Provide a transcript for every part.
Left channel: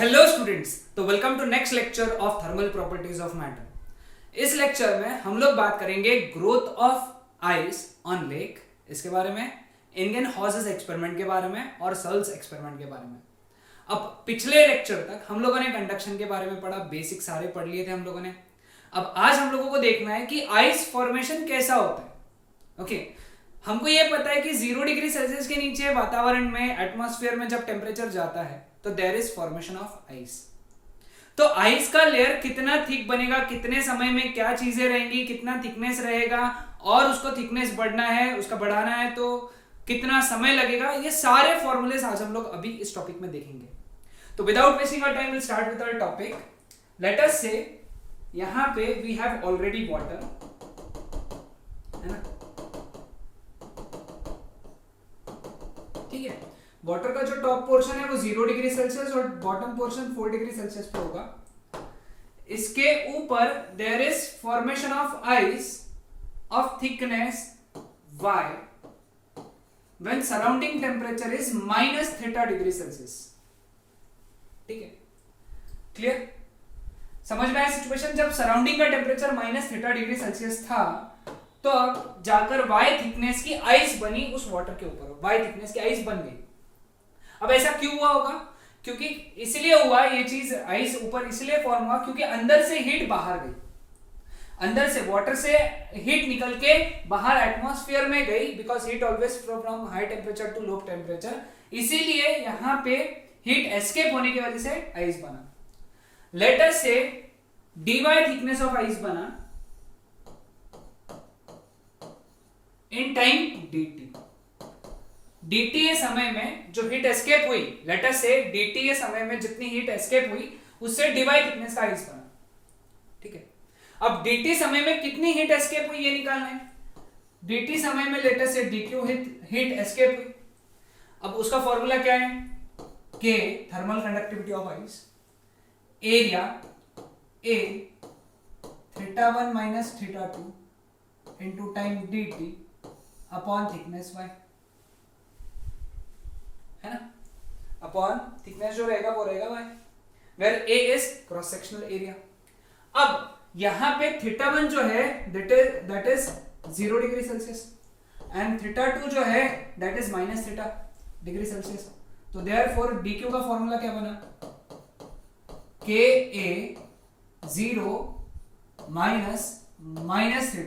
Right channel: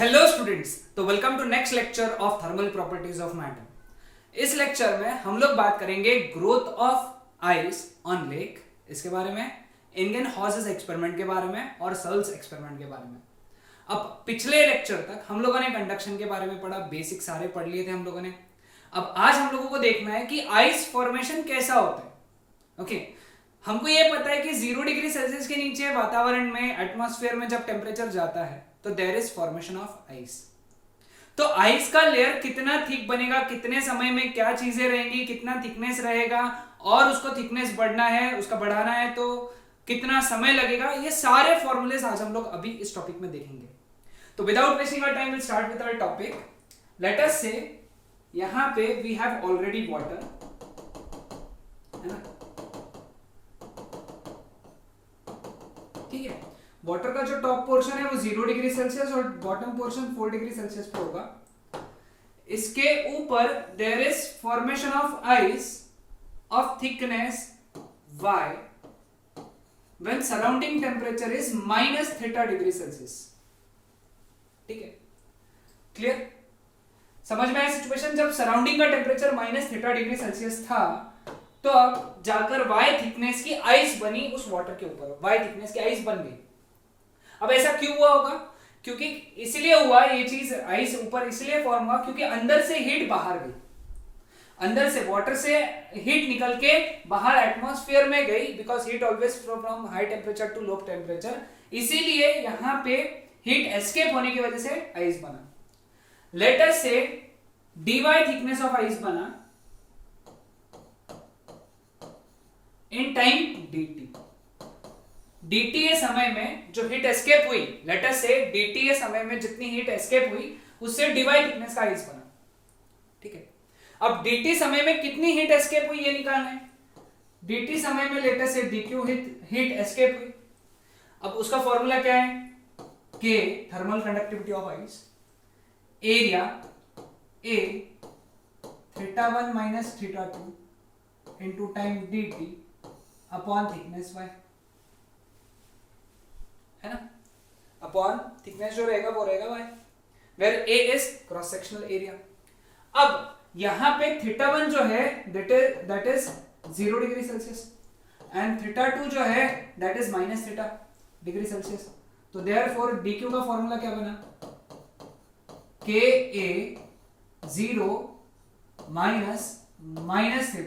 Hello students, तो welcome to next lecture of thermal properties of matter. इस lecture में हम लोग बात करेंगे growth of ice on lake, इसके बारे में, इंगेनहॉसेस एक्सपेरिमेंट के बारे में और सर्ल्स एक्सपेरिमेंट के बारे में। अब पिछले लेक्चर तक हम लोगों ने कंडक्शन के बारे में पढ़ा, बेसिक सारे पढ़ लिए थे हम लोगों ने। अब आज हम लोगों को देखना है कि आइस फॉर्मेशन कैसा होता है। ओके, हमको ये पता है कि 0 डिग्री सेल्सियस के नीचे वातावरण में, एटमॉस्फेयर में जब टेम्परेचर जाता है तो there is formation of ice. तो आइस का लेयर कितना थिक बनेगा, कितने समय में क्या चीजें रहेंगी, कितना थिकनेस रहेगा और उसको थिकनेस बढ़ना है, उसका बढ़ाना है तो कितना समय लगेगा, ये सारे फॉर्मूलेस आज हम लोग अभी इस टॉपिक में देखेंगे। तो without wasting our time will start with our topic. Let us से यहां पे वी हैव ऑलरेडी वाटर, है ना, ठीक है। वाटर का जो टॉप पोर्शन है वो 0 डिग्री सेल्सियस और बॉटम पोर्शन 4 डिग्री सेल्सियस पे होगा। इसके ऊपर there is formation of ice of thickness y when surrounding temperature is -θ degree Celsius. ठीक है, क्लियर? समझ में आया सिचुएशन? जब सराउंडिंग का टेम्परेचर -θ डिग्री सेल्सियस था तो अब जाकर y थिकनेस की आइस बनी उस वाटर के ऊपर, y थिकनेस की आइस बन गई। अब ऐसा क्यों हुआ होगा? क्योंकि इसलिए हुआ ये चीज, आइस ऊपर इसलिए फॉर्म हुआ क्योंकि अंदर से हीट बाहर गई, अंदर से वाटर से हीट निकल के बाहर एटमॉस्फेयर में गई, because heat always flow from high temperature to low temperature. इसीलिए यहां पे हीट एस्केप होने की वजह से आइस बना। लेटर से dy थिकनेस ऑफ आइस बना इन टाइम dt। dt के समय में जो हीट एस्केप हुई, लेटर से dt के समय में जितनी हीट एस्केप हुई उससे dy थिकनेस का आइस बना। ठीक है, अब dt समय में कितनी हीट एस्केप हुई ये निकालना है। dt समय में लेटर से dq हीट एस्केप हुई। अब उसका फॉर्मूला क्या है? k thermal conductivity of ice, area a θ1 minus θ2 into time dt upon thickness y, है ना, अपॉन थिकनेस जो रहेगा वो रहेगा y, where a is cross sectional area. अब यहां पे θ1 जो है that is 0 degree Celsius and θ2 जो है दैट इज -θ डिग्री सेल्सियस। तो देयरफॉर dq का फॉर्मूला क्या बना? ka 0 minus θ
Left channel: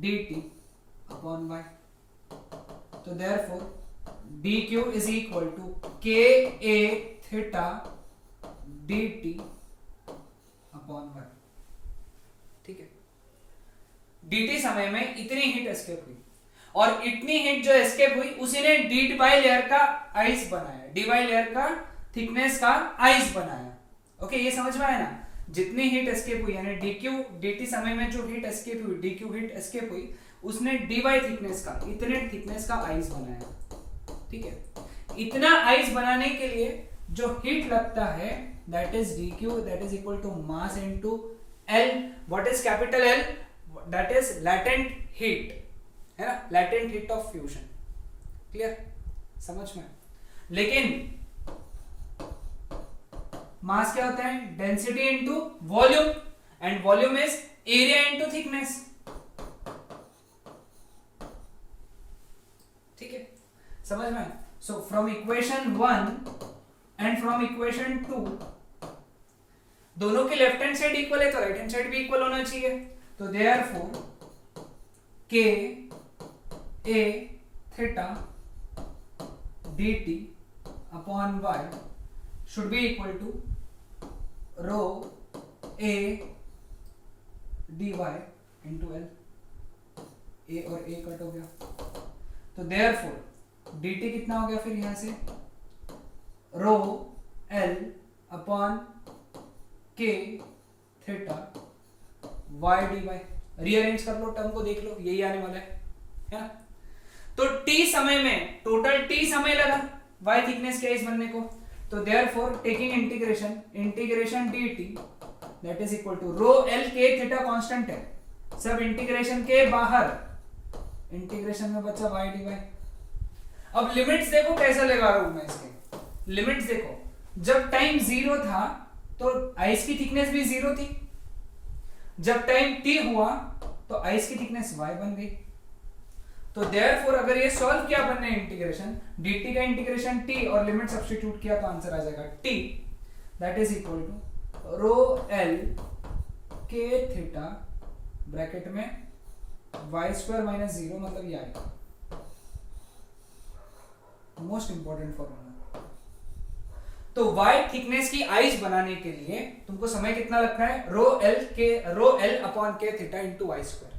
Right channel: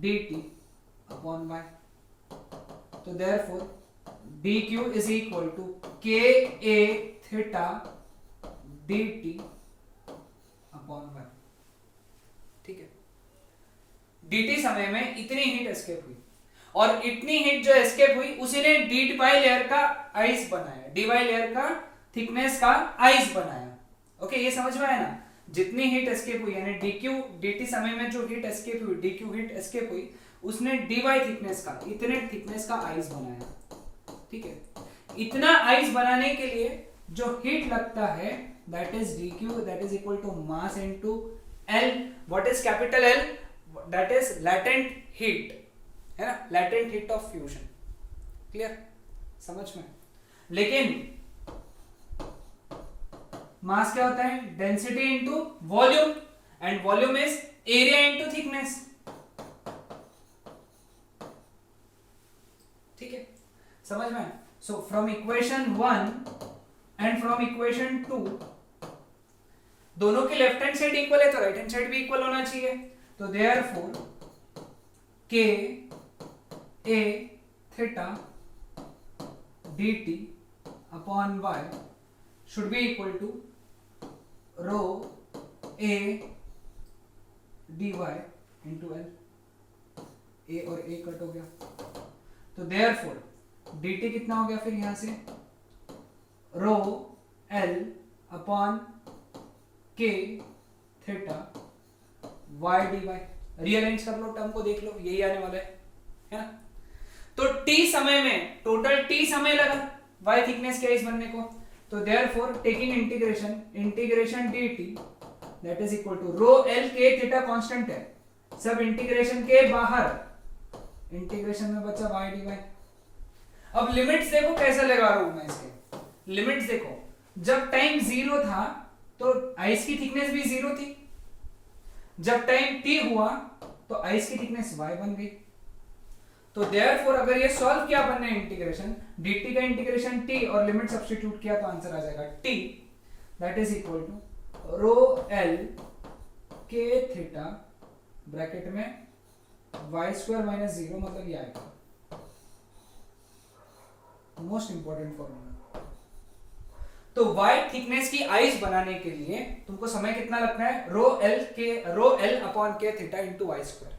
dt upon y। तो therefore dq is equal to ka theta dt upon y। ठीक है, dt समय में इतनी हीट एस्केप हुई और इतनी हीट जो एस्केप हुई उसी ने dy लेयर का आइस बनाया, dy लेयर का थिकनेस का आइस बनाया। ओके, ये समझ में आया ना? जितनी हीट एस्केप हुई यानी dt समय में जो हीट एस्केप हुई, dq हीट एस्केप हुई, उसने dy थिकनेस का, इतने थिकनेस का आइस बनाया। ठीक है, इतना आइस बनाने के लिए जो हीट लगता है that is dq, that is equal to mass into L। What is capital L? That is latent heat, है ना, latent heat of fusion. Clear? समझ में? लेकिन मास क्या होता है? Density into volume, and volume is area into thickness. ठीक है, समझ में? So from equation 1 and from equation 2 दोनों की लेफ्ट हैंड साइड इक्वल है तो राइट हैंड साइड भी इक्वल होना चाहिए। तो therefore k a theta dt upon y should be equal to rho a dy into L। a और a cut हो गया तो देयरफॉर dt कितना हो गया फिर यहां से? रो L upon k theta y dy। Rearrange कर लो, टर्म को देख लो, यही आने वाला है ना? तो t समय में, टोटल t समय लगा y थिकनेस के आइस बनने को। तो therefore taking integration dt that is equal to rho L k theta constant है, सब इंटीग्रेशन के बाहर, इंटीग्रेशन में बचा y dy। अब लिमिट्स देखो कैसे लगा रहा हूं मैं इसके, लिमिट्स देखो। जब टाइम 0 था तो आइस की थिकनेस भी 0 थी, जब टाइम t हुआ तो आइस की थिकनेस y बन गई। तो देयरफॉर अगर ये सॉल्व किया अपन ने इंटीग्रेशन, dt का इंटीग्रेशन t और लिमिट सब्स्टिट्यूट किया तो आंसर आ जाएगा t that is equal to rho l k theta bracket में y स्क्वायर माइनस 0 मतलब ये आएगा। Most important formula. तो y थिकनेस की आइस बनाने के लिए तुमको समय कितना लगता है, rho l upon k theta into y square.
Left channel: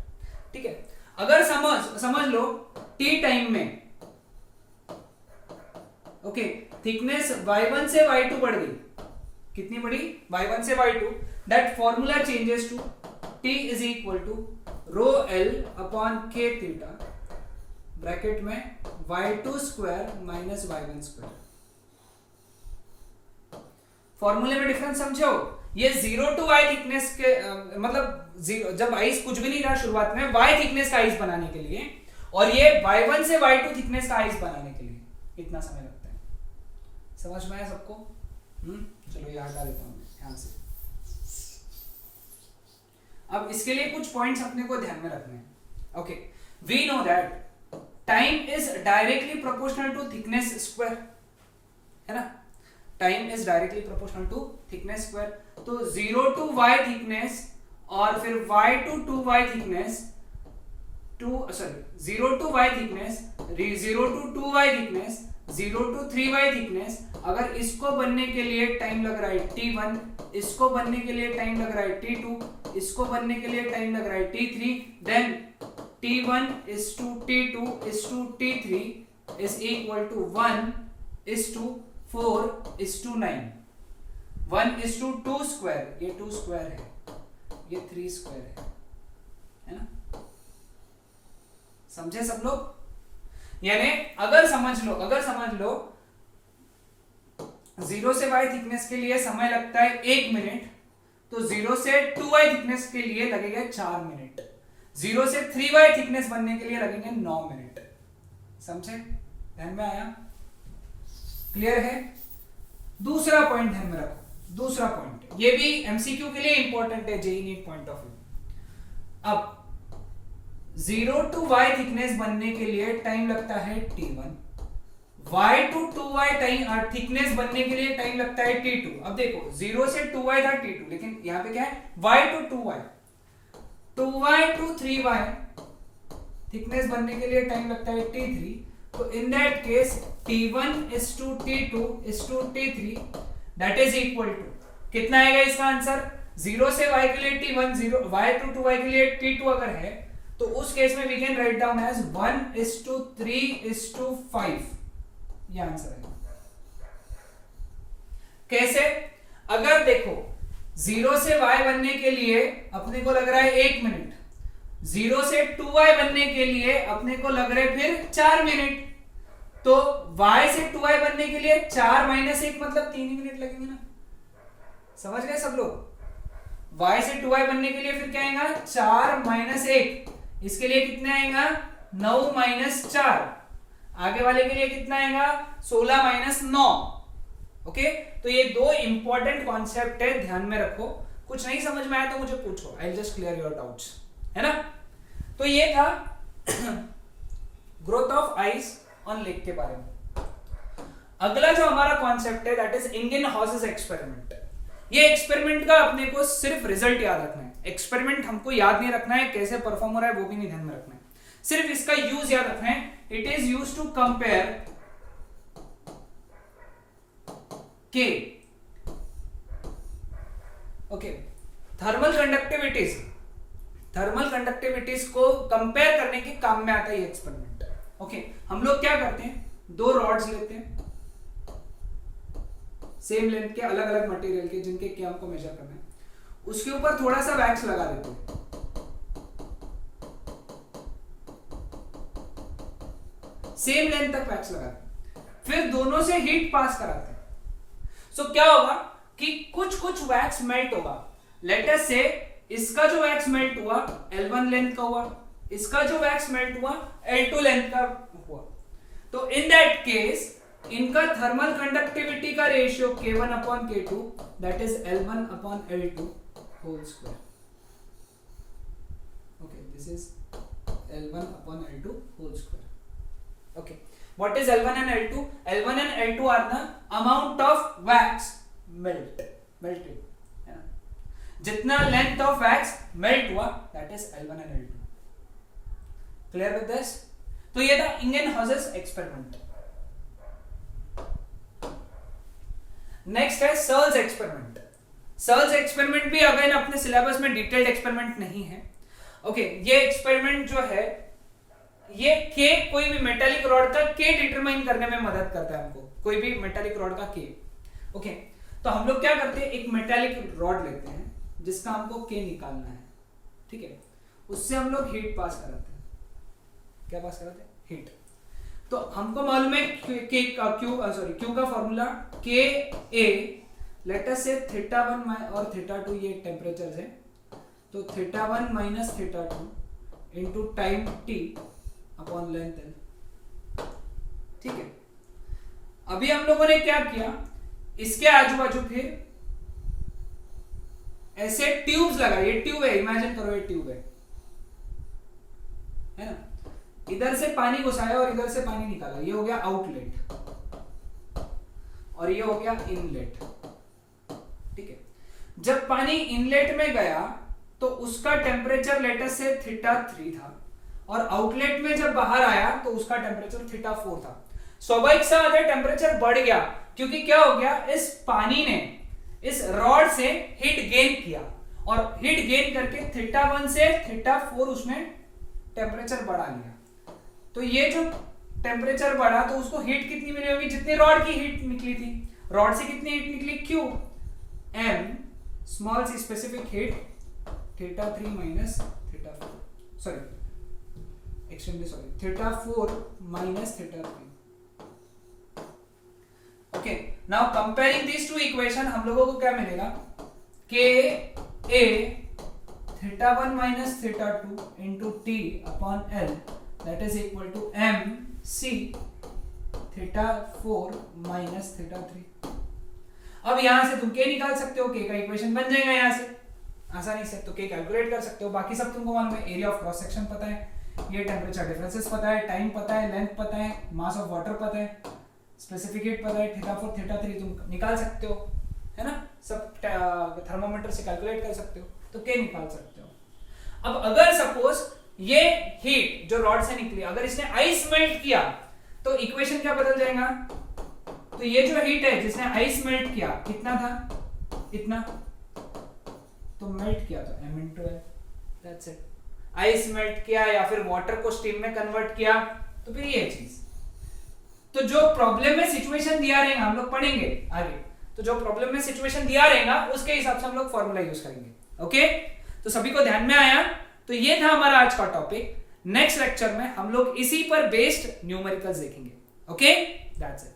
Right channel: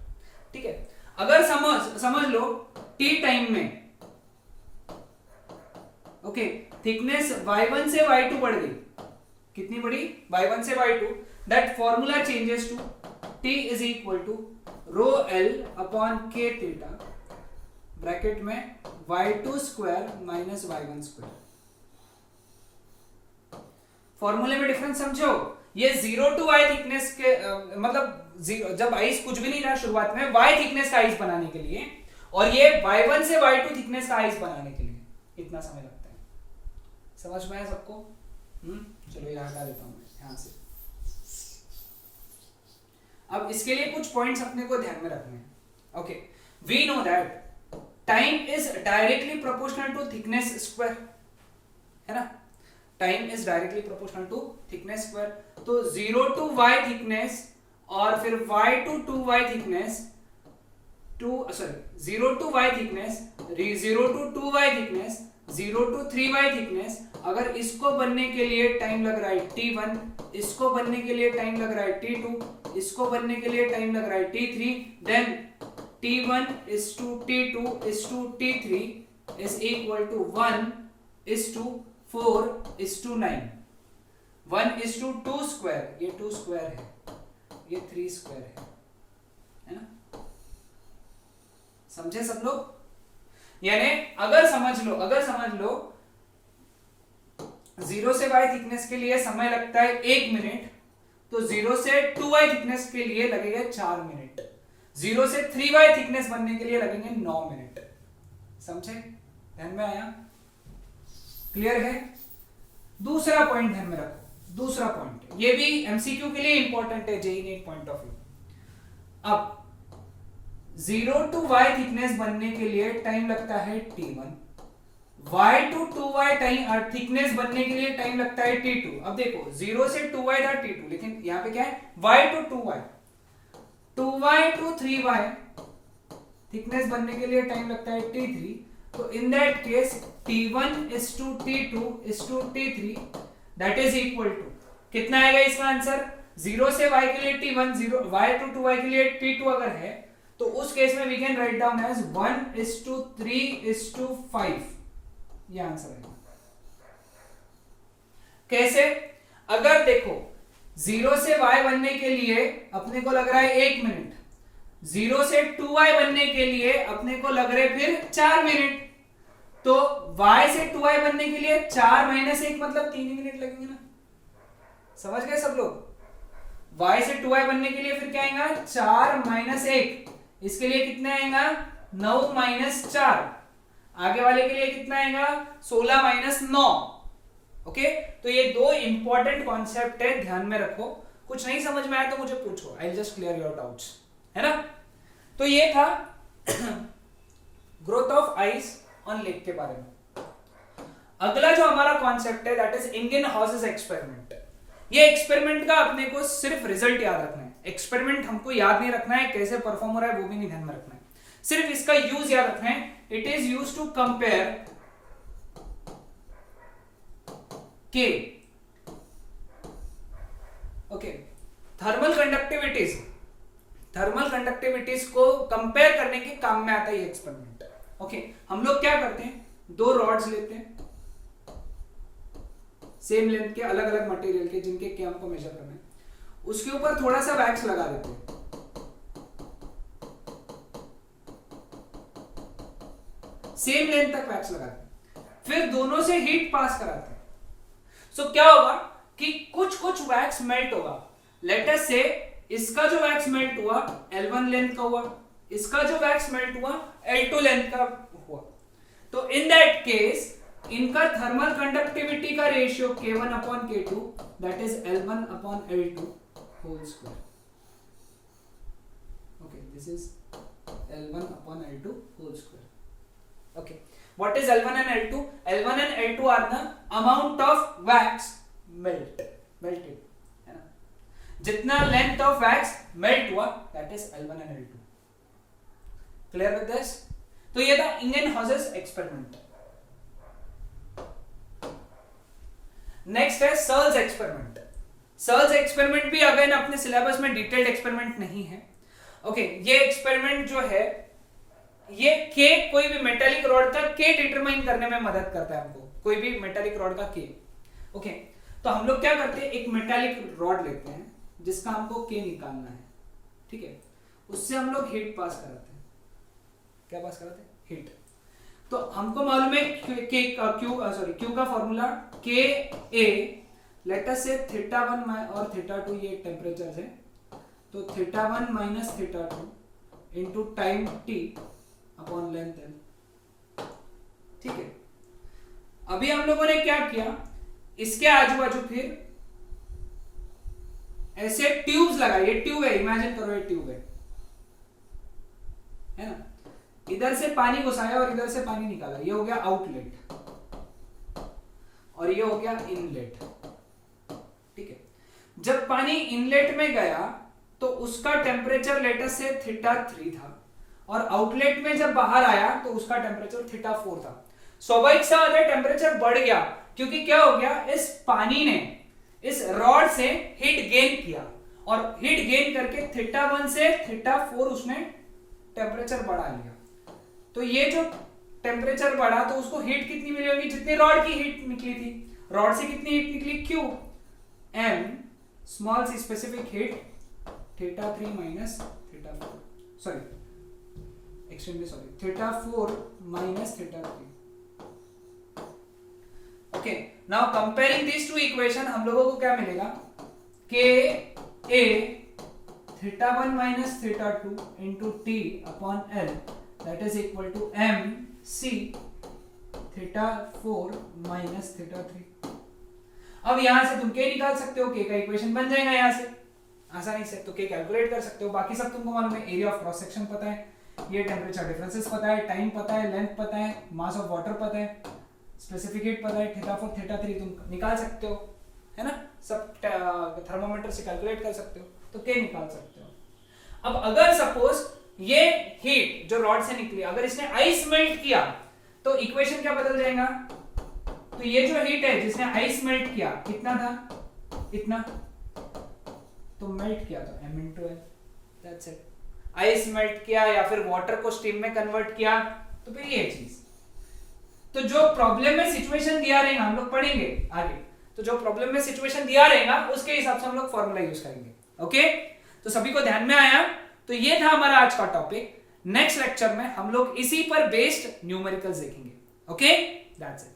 ठीक है, अगर समझ लो t टाइम में ओके थिकनेस y1 से y2 बढ़ गई, कितनी बढ़ी, y1 से y2, that formula changes to t is equal to rho l upon k theta bracket में y2 square minus y1 square. फॉर्मूले में डिफरेंस समझो, ये 0 टू y थिकनेस के मतलब जब आइस कुछ भी नहीं था शुरुआत में y थिकनेस का आइस बनाने के लिए, और ये y1 से y2 थिकनेस का आइस बनाने के लिए इतना समय लगता है। समझ में आया सबको? चलो ये हटा देता हूं ध्यान से। अब इसके लिए कुछ पॉइंट्स अपने को ध्यान में रखने हैं। Okay, we know that time is directly proportional to thickness square, है ना, time is directly proportional to thickness square. तो 0 टू y थिकनेस और फिर y to 2y thickness, 0 to y thickness, 0 to 2y thickness, 0 to 3y thickness, अगर इसको बनने के लिए टाइम लग रहा है t1, इसको बनने के लिए टाइम लग रहा है t2, इसको बनने के लिए टाइम लग रहा है t3, then t1 is to t2 is to t3 is equal to 1 is to 4 is to 9, 1 is to 2 square, ये 2 स्क्वायर है, ये 3 स्क्वायर है ना, समझे सब लोग? यानी अगर समझ लो 0 से y थिकनेस के लिए समय लगता है 1 मिनट, तो 0 से 2y थिकनेस के लिए लगेगा 4 मिनट, 0 से 3y थिकनेस बनने के लिए लगेंगे 9 मिनट। समझे? ध्यान में आया? क्लियर है? दूसरा पॉइंट ध्यान में रखो, दूसरा पॉइंट ये भी एमसीक्यू के लिए इंपॉर्टेंट है, JEE NEET point of view. अब 0 टू y थिकनेस बनने के लिए टाइम लगता है t1, y to 2y time thickness बनने के लिए टाइम लगता है t2। अब देखो 0 से 2y था t2, लेकिन यहां पे क्या है, y to 2y, 2y to 3y thickness बनने के लिए टाइम लगता है t3। तो in that case t1 is to t2 is to t3 that is equal to कितना आएगा इसका आंसर, 0 से y के लिए t1, 0 y टू 2y के लिए t2 अगर है तो उस केस में we can write down as 1 is to 3 is to 5, ये आंसर है। कैसे? अगर देखो 0 से y बनने के लिए अपने को लग रहा है 1 मिनट, 0 से 2y बनने के लिए अपने को लग रहे फिर 4 मिनट, तो y से 2y बनने के लिए 4 माइनस 1 मतलब 3 मिनट लगेंगे ना। समझ गए सब लोग? y से 2y बनने के लिए फिर क्या आएगा, 4 माइनस 1, इसके लिए कितना आएगा 9 माइनस 4, आगे वाले के लिए कितना आएगा 16 माइनस 9। ओके, तो ये दो इंपॉर्टेंट कॉन्सेप्ट है, ध्यान में रखो। कुछ नहीं समझ में आया तो मुझे पूछो, I will just clear your doubts, है ना। तो ये था growth of ice on lake के बारे में। अगला जो हमारा कॉन्सेप्ट है दैट इज इंगिनहॉसेस एक्सपेरिमेंट। ये एक्सपेरिमेंट का अपने को सिर्फ रिजल्ट याद रखना है, एक्सपेरिमेंट हमको याद नहीं रखना है, कैसे परफॉर्म हो रहा है वो भी नहीं ध्यान में रखना है, सिर्फ इसका यूज याद रखना है। It is use to compare के ओके थर्मल कंडक्टिविटीज को कंपेयर करने के काम में आता है ये एक्सपेरिमेंट। ओके, हम लोग क्या करते हैं, 2 रॉड्स लेते हैं सेम लेंथ के, अलग अलग मटेरियल के, जिनके के हमको मेजर करना है, उसके ऊपर थोड़ा सा वैक्स लगा देते हैं, सेम लेंथ तक वैक्स लगाते हैं, फिर दोनों से हीट पास कराते हैं। सो क्या होगा कि कुछ वैक्स मेल्ट होगा। लेट अस से इसका जो वैक्स मेल्ट हुआ L1 लेंथ का हुआ, इसका जो वैक्स मेल्ट हुआ L2 लेंथ का हुआ। तो इन दैट केस इनका थर्मल कंडक्टिविटी का ratio K1 upon K2 that is L1 upon L2 whole square. Okay, this is L1 upon L2 whole square. Okay, what is L1 and L2? L1 and L2 are the amount of wax melted. है ना? जितना length of wax melt हुआ that is L1 and L2. Clear with this? तो ये था Ingenhouse's experiment. Next है Searle's experiment. Searle's experiment भी again अपने सिलेबस में डिटेल्ड एक्सपेरिमेंट नहीं है. ओके, ये एक्सपेरिमेंट जो है ये के कोई भी मेटालिक रॉड का के डिटरमाइन करने में मदद करता है हमको, कोई भी मेटालिक रॉड का के. ओके, तो हम लोग क्या करते हैं, एक मेटालिक रॉड लेते हैं जिसका हमको के निकालना है. ठीक है, उससे हम लोग हीट पास कराते हैं. क्या पास कराते हैं? हीट. तो हमको मालूम है क्यू का फॉर्मूला के ए, लेट अस से θ1 और θ2 ये टेम्परेचर है. तो θ1 minus θ2 into time t upon length l. ठीक है, अभी हम लोगों ने क्या किया, इसके आजू बाजू फिर ऐसे ट्यूब्स लगाई. ये ट्यूब है, इमेजिन करो ये ट्यूब है ना. इधर से पानी घुसाया और इधर से पानी निकाला. ये हो गया आउटलेट और ये हो गया इनलेट. ठीक है, जब पानी इनलेट में गया तो उसका टेम्परेचर लेटर से θ3 था और आउटलेट में जब बाहर आया तो उसका टेम्परेचर θ4 था. स्वाभाविक सा अगर टेम्परेचर बढ़ गया क्योंकि क्या हो गया, इस पानी ने इस रॉड से हीट गेन किया और हीट गेन करके θ1 से θ4 उसने टेम्परेचर बढ़ा लिया. तो ये जो टेम्परेचर बढ़ा तो उसको हीट कितनी मिली होगी, जितनी रॉड की हीट निकली थी. रॉड से कितनी हीट निकली, Q m small C specific heat θ3 minus θ4, sorry extremely sorry θ4 minus θ3. okay, now comparing these two equation हम लोगों को क्या मिलेगा, k a θ1 minus θ2 into t upon l that is equal to m c θ4 minus θ3. अब यहां से तुम k निकाल सकते हो, k का इक्वेशन बन जाएगा यहां से आसानी से. तो k कैलकुलेट कर सकते हो. बाकी सब तुमको मालूम है, एरिया ऑफ क्रॉस सेक्शन पता है, ये टेम्परेचर डिफरेंसेस पता है, टाइम पता है, लेंथ पता है, मास ऑफ वाटर पता है, स्पेसिफिक हीट पता है, θ4 θ3 तुम निकाल सकते हो, है ना. सब थर्मोमीटर से कैलकुलेट कर सकते हो, तो k निकाल सकते हो. अब अगर सपोज ये हीट जो रॉड से निकली अगर इसने आइस मेल्ट किया तो इक्वेशन क्या बदल जाएगा. तो ये जो हीट है जिसने आइस मेल्ट किया कितना था, इतना, तो मेल्ट किया तो m into l, that's it. Ice melt किया या फिर वाटर को स्टीम में कन्वर्ट किया तो फिर ये चीज. तो जो प्रॉब्लम में सिचुएशन दिया रहेगा हम लोग पढ़ेंगे आगे, तो जो प्रॉब्लम में सिचुएशन दिया रहेगा उसके हिसाब से हम लोग फॉर्मूला यूज करेंगे. ओके, तो सभी को ध्यान में आया. तो ये था हमारा आज का टॉपिक. नेक्स्ट लेक्चर में हम लोग इसी पर बेस्ड न्यूमेरिकल्स देखेंगे. Okay, that's it.